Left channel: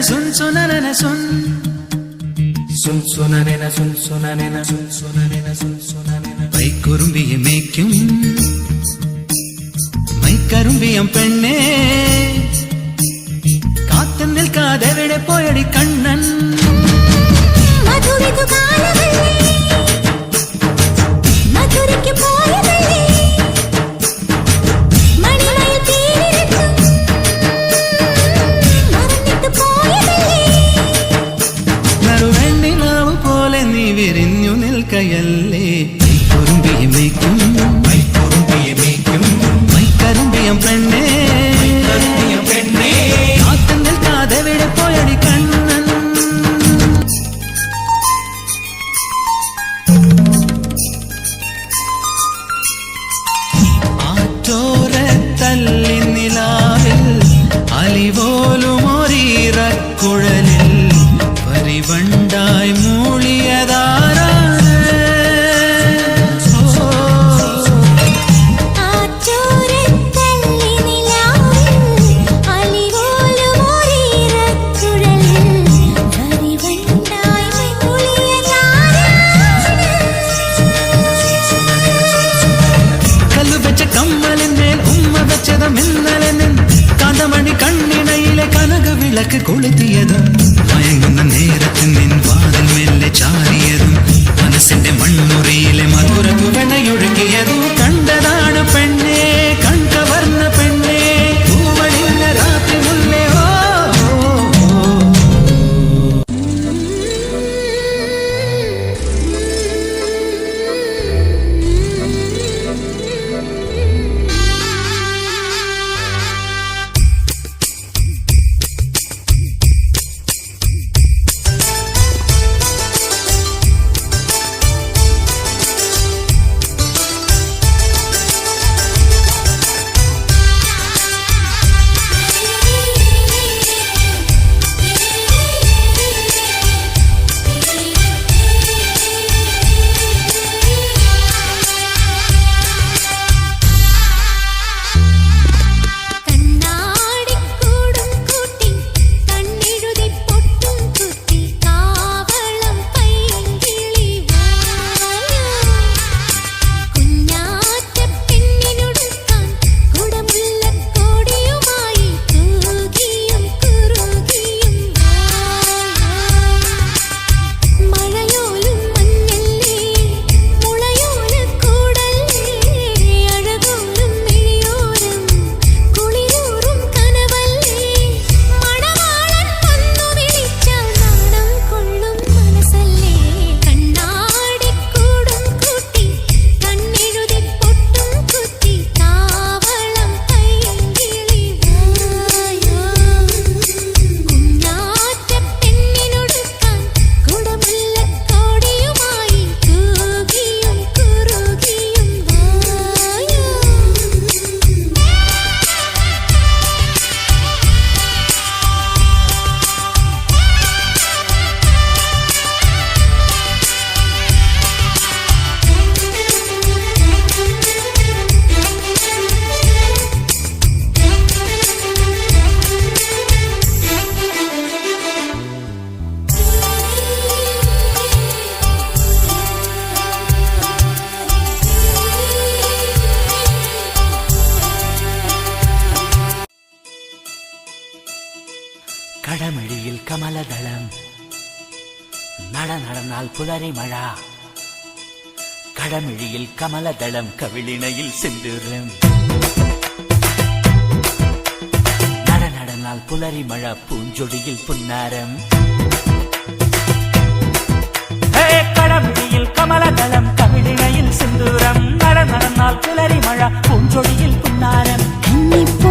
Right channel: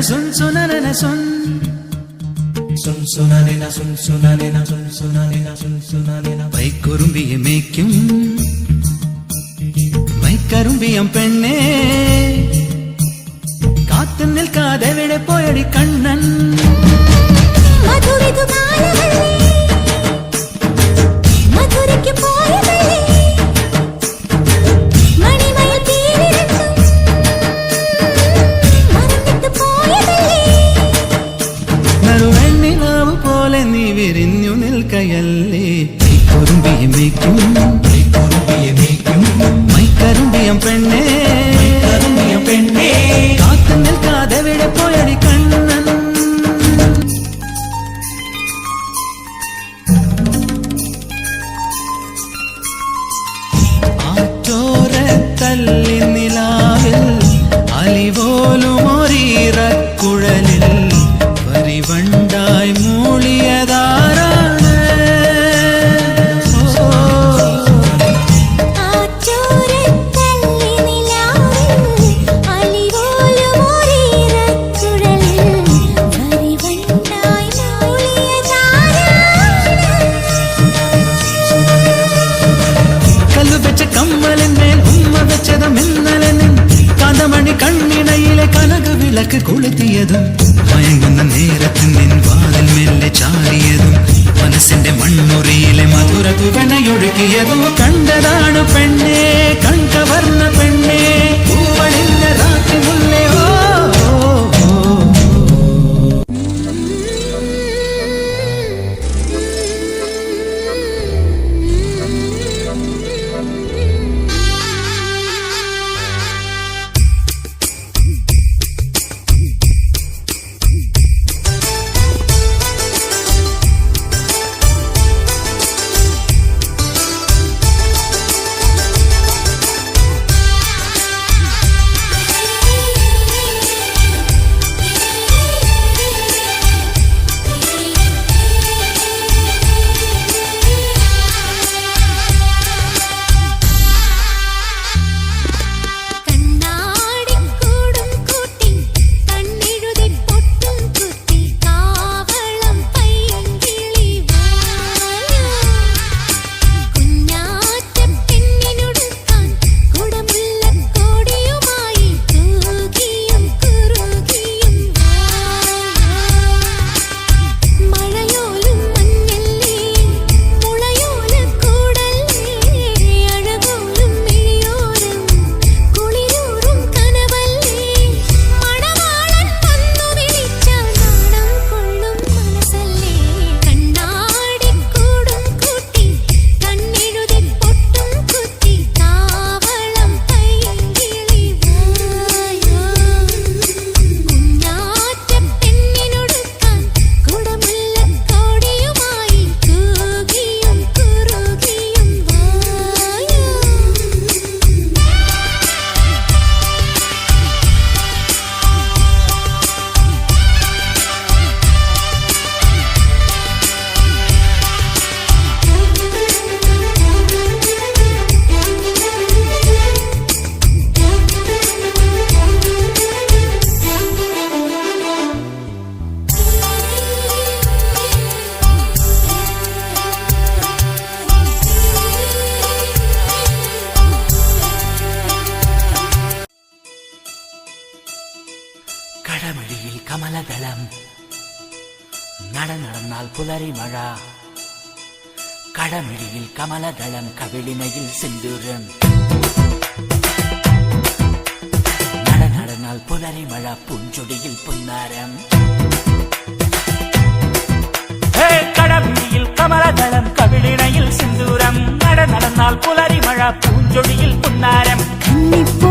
sun sunanana sun sun sunanena sun sunanena sun sunanena sun sunanena പൈക്കുറുമ്പിയെ മേയ്ക്കും മൈക്കറുമ്പിയം പെണ്ണേ കാത്തു നിൽക്കാതെ എവിടെ പോയടി കണ്ണൻ മധുരിതു കാലവല്ലേ മധുരയ്ക്ക് പോയതല്ലേ മണിമയിൽ തീരിരട്ടും മറന്നിട്ട് പോയതല്ലേ നറുവെണ്ണിലാവു പോലെ നീ വിരിഞ്ഞു നിൽക്കയല്ലേ പൈക്കുറുമ്പിയെ മേയ്ക്കും മൈക്കറുമ്പിയം പെണ്ണേ കാത്തു നിൽക്കാതെ എവിടെ പോയടി കണ്ണൻ ആറ്റോരത്തല്ലി നിലാവിൽ അലിപോലുമൊരീറക്കുഴലിൽ പരിവണ്ടായി മൂളിയതാരാണ് കമ്മലിന്മേൽ ഉമ്മ വെച്ചതും ഇന്നലെ നിൻ കാന്തമണി കണ്ണിണയിലെ കനക വിളക്ക് കൊളുത്തിയതും മയങ്ങുന്ന നേരത്ത് നിൻ വാതിൽ മെല്ലെ ചാരിയതും മനസ്സിന്റെ മണ്ണുറിയിലെ മധുര തുവണയൊഴുക്കിയതും കണ്ടതാണ് പെണ്ണേ കൺകവർന്ന പെണ്ണേ പൂവണിഞ്ഞ രാത്രി മുല്ലേ ഓ കടമഴിയിൽ കമലദളം നടന്നാൽ പുലരിമഴ കടമഴിയിൽ കമലദളം കവിളിണയിൽ സിന്ദൂരം നടന്നാൽ പുലരിമഴ പുഞ്ചൊടിയിൽ പുന്നാരം കടമഴിയിൽ കമലദളം കവിളിണയിൽ സിന്ദൂരം നടന്നാൽ പുലരിമഴ പുഞ്ചൊടിയിൽ പുന്നാരം കന്നിപ്പൂ